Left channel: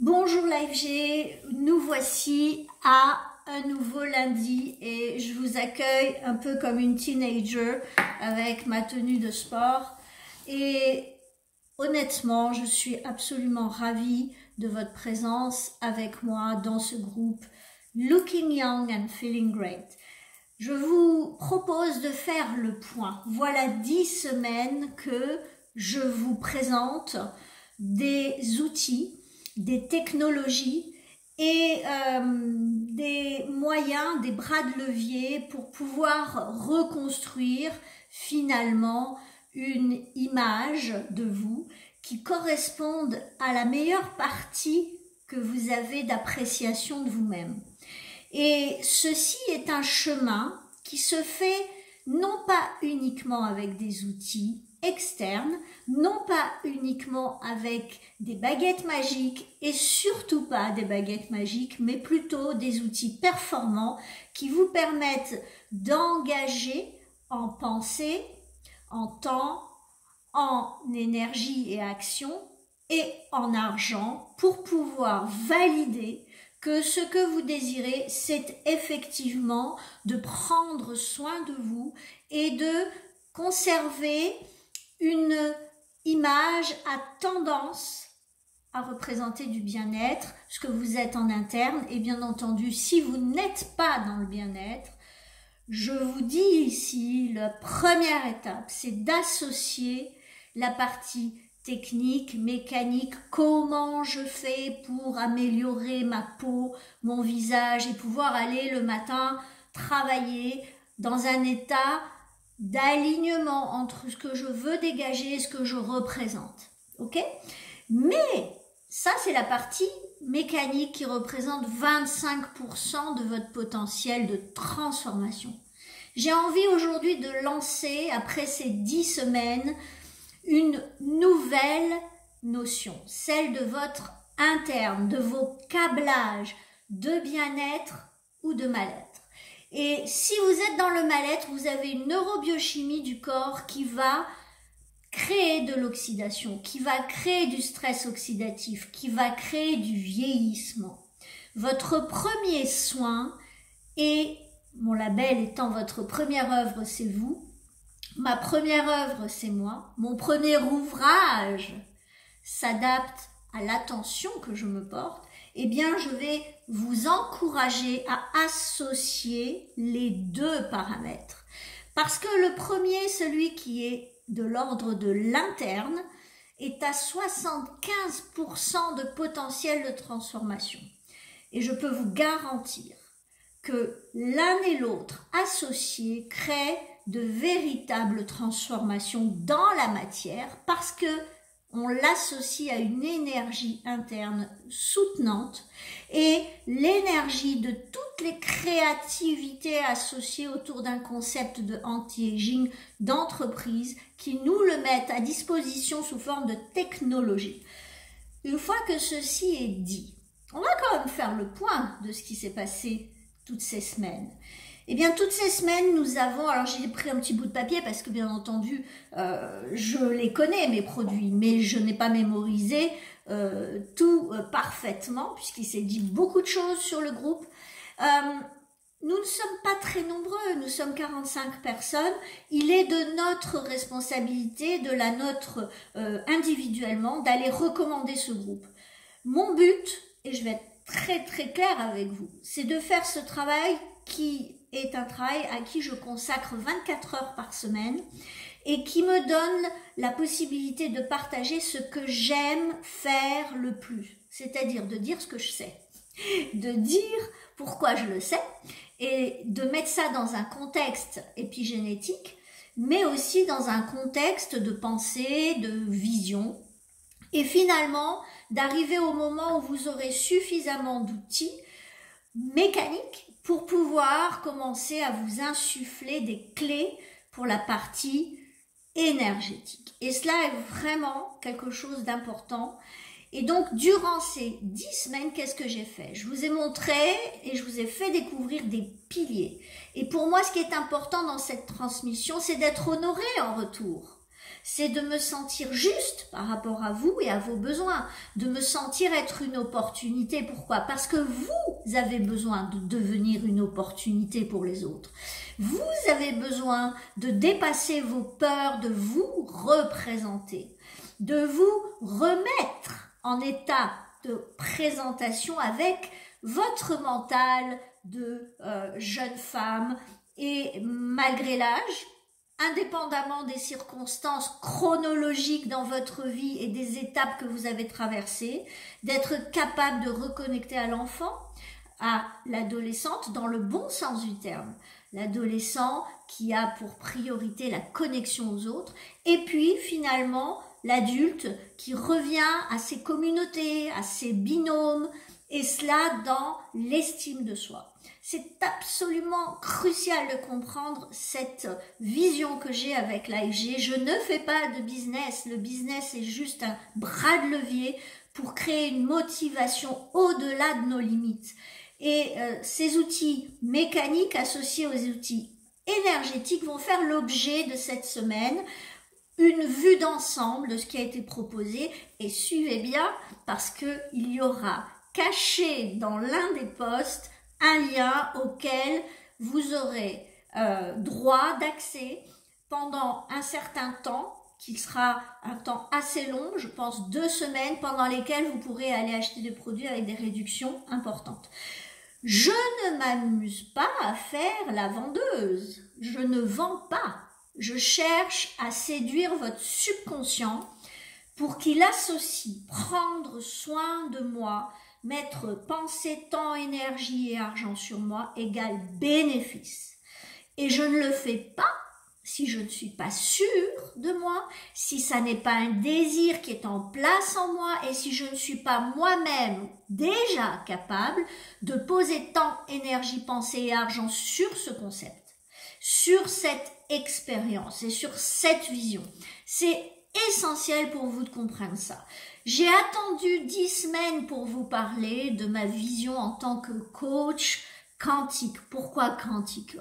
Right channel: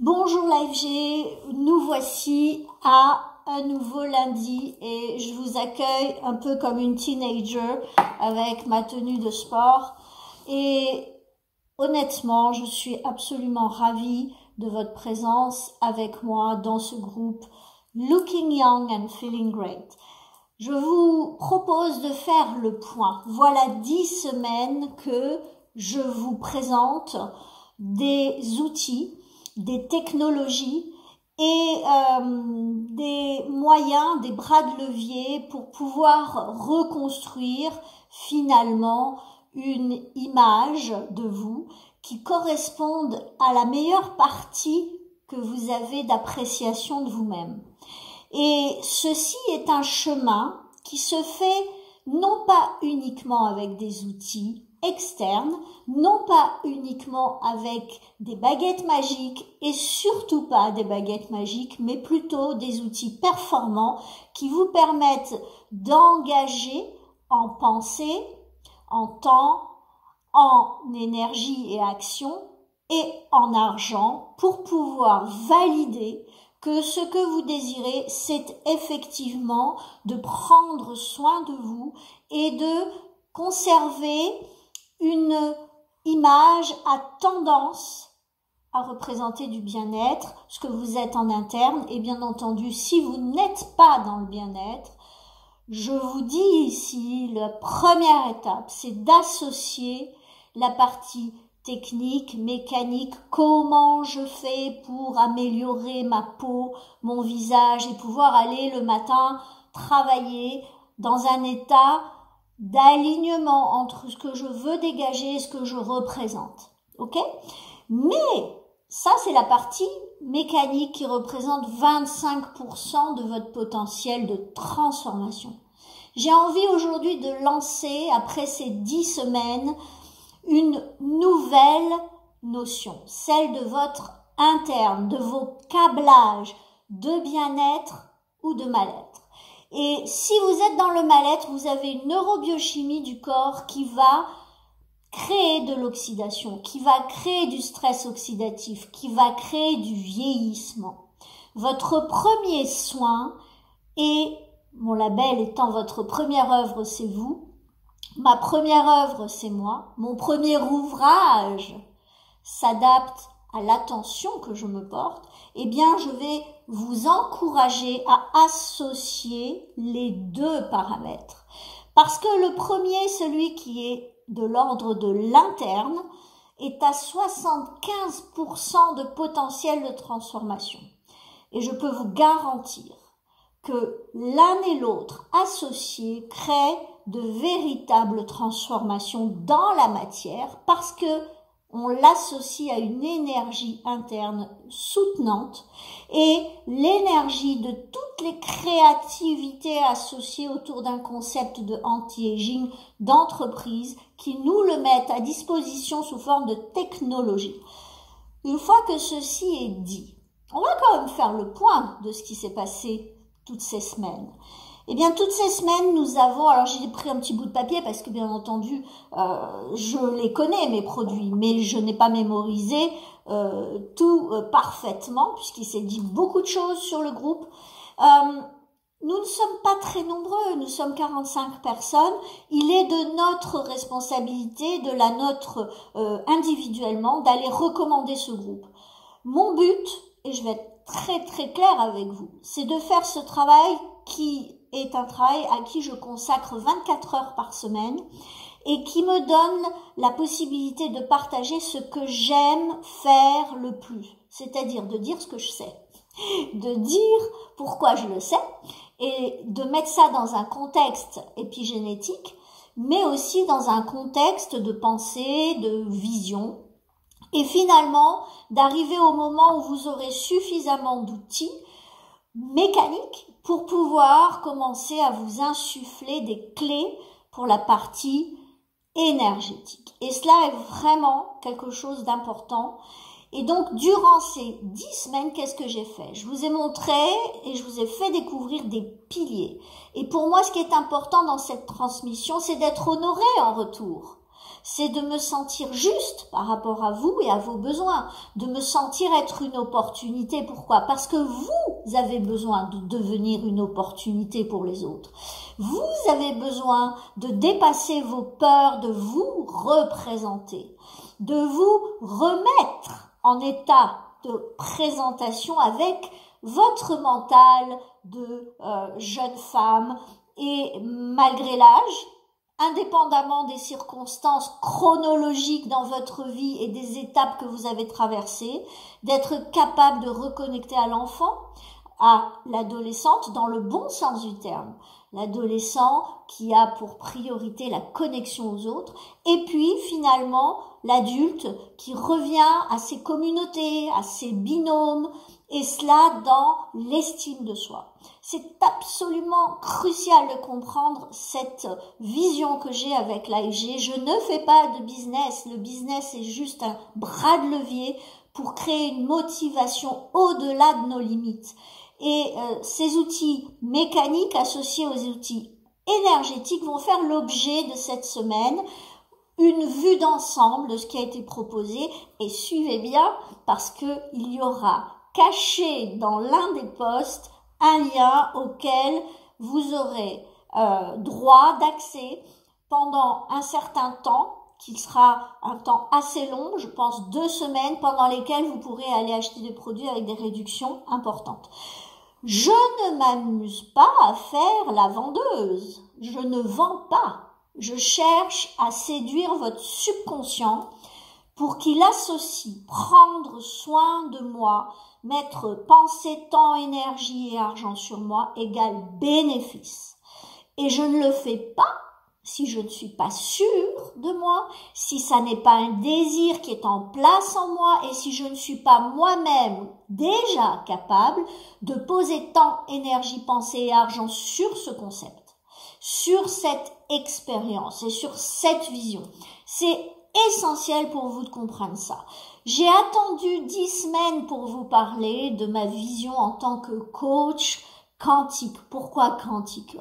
Bonjour l'AFG, nous voici à un nouveau lundi et je vous accueille un peu comme une teenager avec ma tenue de sport et honnêtement je suis absolument ravie de votre présence avec moi dans ce groupe Looking Young and Feeling Great. Je vous propose de faire le point. Voilà 10 semaines que je vous présente des outils, des technologies et des moyens, des bras de levier pour pouvoir reconstruire finalement une image de vous qui corresponde à la meilleure partie que vous avez d'appréciation de vous-même. Et ceci est un chemin qui se fait non pas uniquement avec des outils externes, non pas uniquement avec des baguettes magiques et surtout pas des baguettes magiques, mais plutôt des outils performants qui vous permettent d'engager en pensée, en temps, en énergie et action et en argent pour pouvoir valider que ce que vous désirez, c'est effectivement de prendre soin de vous et de conserver une image à tendance à représenter du bien-être, ce que vous êtes en interne. Et bien entendu, si vous n'êtes pas dans le bien-être, je vous dis ici, la première étape, c'est d'associer la partie technique, mécanique, comment je fais pour améliorer ma peau, mon visage et pouvoir aller le matin travailler dans un état d'alignement entre ce que je veux dégager et ce que je représente. Ok? Mais ça, c'est la partie mécanique qui représente 25% de votre potentiel de transformation. J'ai envie aujourd'hui de lancer, après ces 10 semaines, une nouvelle notion, celle de votre interne, de vos câblages de bien-être ou de mal-être. Et si vous êtes dans le mal-être, vous avez une neurobiochimie du corps qui va créer de l'oxydation, qui va créer du stress oxydatif, qui va créer du vieillissement. Votre premier soin, et mon label étant votre première œuvre, c'est vous. Ma première œuvre, c'est moi. Mon premier ouvrage s'adapte à l'attention que je me porte. Eh bien, je vais vous encourager à associer les deux paramètres. Parce que le premier, celui qui est de l'ordre de l'interne, est à 75% de potentiel de transformation. Et je peux vous garantir que l'un et l'autre associés créent de véritables transformations dans la matière parce que on l'associe à une énergie interne soutenante et l'énergie de toutes les créativités associées autour d'un concept de anti-aging d'entreprise qui nous le mettent à disposition sous forme de technologie. Une fois que ceci est dit, on va quand même faire le point de ce qui s'est passé toutes ces semaines. Eh bien, toutes ces semaines, nous avons... Alors, j'ai pris un petit bout de papier parce que, bien entendu, je les connais, mes produits, mais je n'ai pas mémorisé tout parfaitement puisqu'il s'est dit beaucoup de choses sur le groupe. Nous ne sommes pas très nombreux, nous sommes 45 personnes. Il est de notre responsabilité, de la nôtre individuellement, d'aller recommander ce groupe. Mon but, et je vais être très très claire avec vous, c'est de faire ce travail qui est un travail à qui je consacre 24 heures par semaine et qui me donne la possibilité de partager ce que j'aime faire le plus, c'est-à-dire de dire ce que je sais, de dire pourquoi je le sais et de mettre ça dans un contexte épigénétique, mais aussi dans un contexte de pensée, de vision, et finalement d'arriver au moment où vous aurez suffisamment d'outils mécaniques pour pouvoir commencer à vous insuffler des clés pour la partie énergétique. Et cela est vraiment quelque chose d'important. Et donc, durant ces 10 semaines, qu'est-ce que j'ai fait? Je vous ai montré et je vous ai fait découvrir des piliers. Et pour moi, ce qui est important dans cette transmission, c'est d'être honoré en retour. c'est de me sentir juste par rapport à vous et à vos besoins, de me sentir être une opportunité. Pourquoi? Parce que vous avez besoin de devenir une opportunité pour les autres. Vous avez besoin de dépasser vos peurs, de vous représenter, de vous remettre en état de présentation avec votre mental de jeune femme et malgré l'âge, indépendamment des circonstances chronologiques dans votre vie et des étapes que vous avez traversées, d'être capable de reconnecter à l'enfant, à l'adolescente dans le bon sens du terme. L'adolescent qui a pour priorité la connexion aux autres, et puis finalement l'adulte qui revient à ses communautés, à ses binômes, et cela dans l'estime de soi. C'est absolument crucial de comprendre cette vision que j'ai avec l'AFG. Je ne fais pas de business, le business est juste un bras de levier pour créer une motivation au-delà de nos limites. Et ces outils mécaniques associés aux outils énergétiques vont faire l'objet de cette semaine, une vue d'ensemble de ce qui a été proposé. Et suivez bien parce qu'il y aura caché dans l'un des posts un lien auquel vous aurez droit d'accès pendant un certain temps, qui sera un temps assez long, je pense 2 semaines, pendant lesquelles vous pourrez aller acheter des produits avec des réductions importantes. Je ne m'amuse pas à faire la vendeuse, je ne vends pas, je cherche à séduire votre subconscient pour qu'il associe prendre soin de moi, mettre pensée, temps, énergie et argent sur moi égale bénéfice. Et je ne le fais pas si je ne suis pas sûre de moi, si ça n'est pas un désir qui est en place en moi et si je ne suis pas moi-même déjà capable de poser temps, énergie, pensée et argent sur ce concept, sur cette expérience et sur cette vision. C'est essentiel pour vous de comprendre ça. J'ai attendu 10 semaines pour vous parler de ma vision en tant que coach quantique. Pourquoi quantique?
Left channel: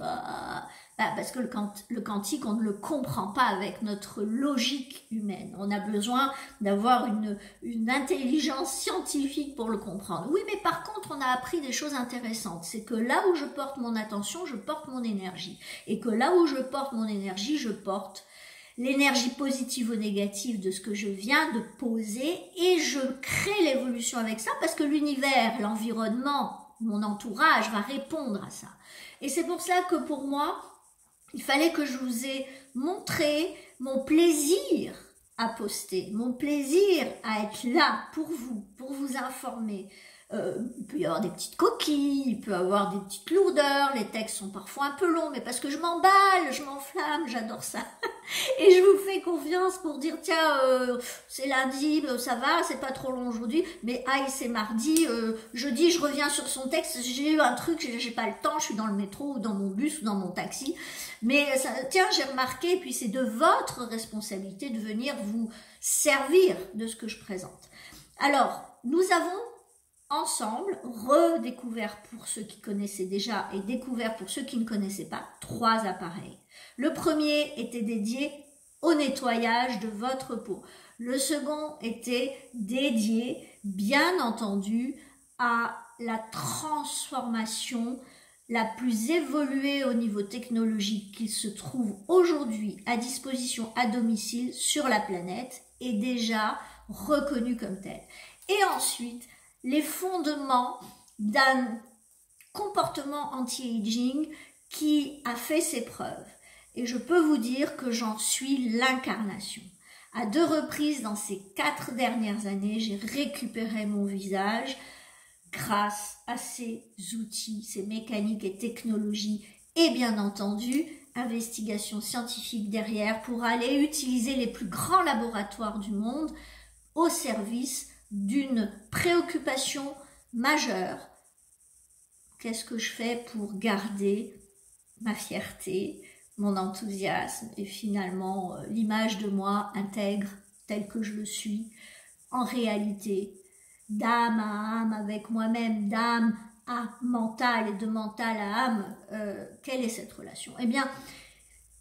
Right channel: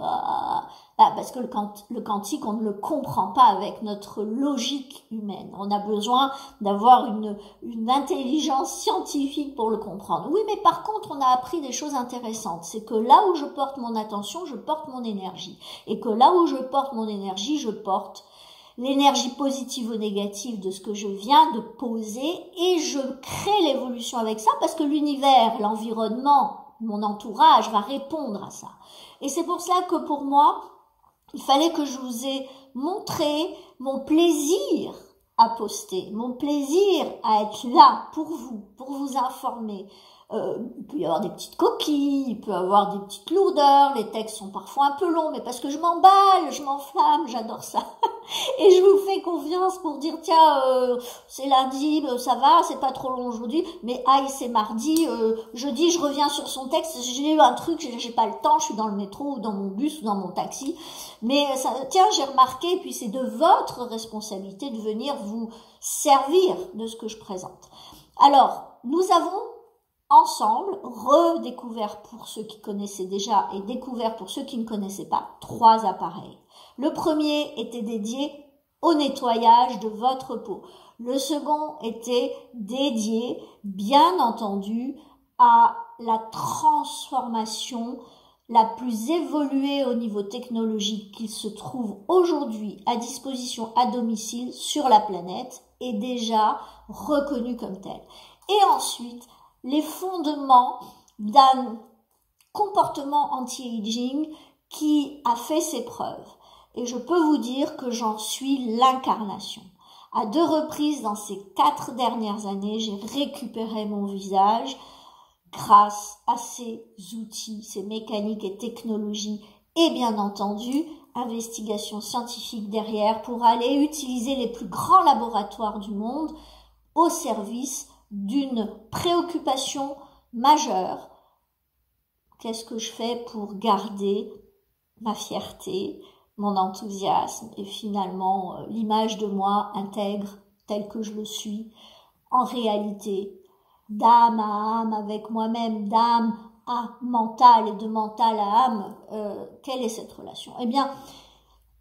Parce que le quantique, on ne le comprend pas avec notre logique humaine. On a besoin d'avoir une intelligence scientifique pour le comprendre. Oui, mais par contre, on a appris des choses intéressantes. C'est que là où je porte mon attention, je porte mon énergie. Et que là où je porte mon énergie, je porte l'énergie positive ou négative de ce que je viens de poser et je crée l'évolution avec ça parce que l'univers, l'environnement, mon entourage va répondre à ça. Et c'est pour ça que pour moi, il fallait que je vous ai montré mon plaisir à poster, mon plaisir à être là pour vous informer. Il peut y avoir des petites coquilles, il peut y avoir des petites lourdeurs, les textes sont parfois un peu longs, mais parce que je m'emballe, je m'enflamme, j'adore ça. Et je vous fais confiance pour dire, tiens, c'est lundi, ça va, c'est pas trop long aujourd'hui, mais aïe, c'est mardi, jeudi, je reviens sur son texte, j'ai eu un truc, j'ai pas le temps, je suis dans le métro, ou dans mon bus, ou dans mon taxi, mais ça, tiens, j'ai remarqué, et puis c'est de votre responsabilité de venir vous servir de ce que je présente. Alors, nous avons ensemble redécouvert pour ceux qui connaissaient déjà et découvert pour ceux qui ne connaissaient pas 3 appareils. Le premier était dédié au nettoyage de votre peau. Le second était dédié, bien entendu, à la transformation la plus évoluée au niveau technologique qu'il se trouve aujourd'hui à disposition à domicile sur la planète et déjà reconnue comme telle. Et ensuite, les fondements d'un comportement anti-aging qui a fait ses preuves. Et je peux vous dire que j'en suis l'incarnation. À 2 reprises dans ces 4 dernières années, j'ai récupéré mon visage grâce à ces outils, ces mécaniques et technologies et bien entendu, investigation scientifique derrière pour aller utiliser les plus grands laboratoires du monde au service d'une préoccupation majeure. Qu'est-ce que je fais pour garder ma fierté, mon enthousiasme et finalement l'image de moi intègre telle que je le suis en réalité, d'âme à âme avec moi-même, d'âme à mental et de mental à âme, quelle est cette relation? Eh bien,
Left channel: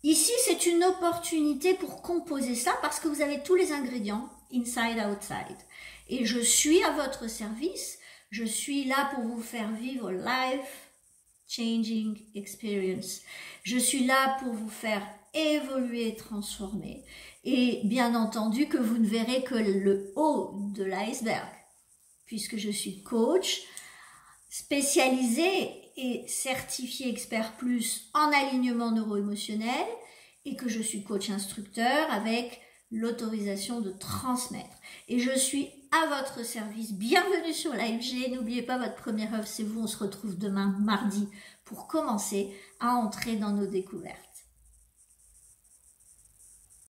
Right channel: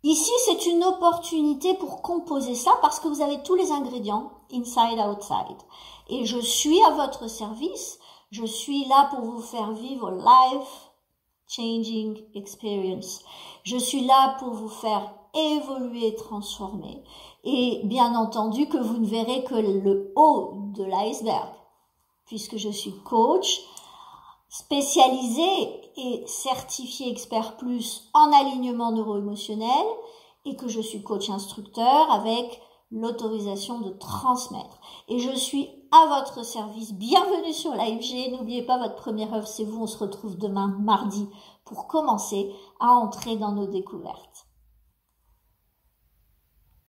Ici, c'est une opportunité pour composer ça parce que vous avez tous les ingrédients, inside, outside. Et je suis à votre service. Je suis là pour vous faire vivre life changing experience. Je suis là pour vous faire évoluer, transformer. Et bien entendu que vous ne verrez que le haut de l'iceberg, puisque je suis coach, spécialisé et certifié expert plus en alignement neuro-émotionnel et que je suis coach instructeur avec l'autorisation de transmettre. Et je suis à votre service. Bienvenue sur l'AFG. N'oubliez pas, votre première œuvre, c'est vous. On se retrouve demain, mardi, pour commencer à entrer dans nos découvertes.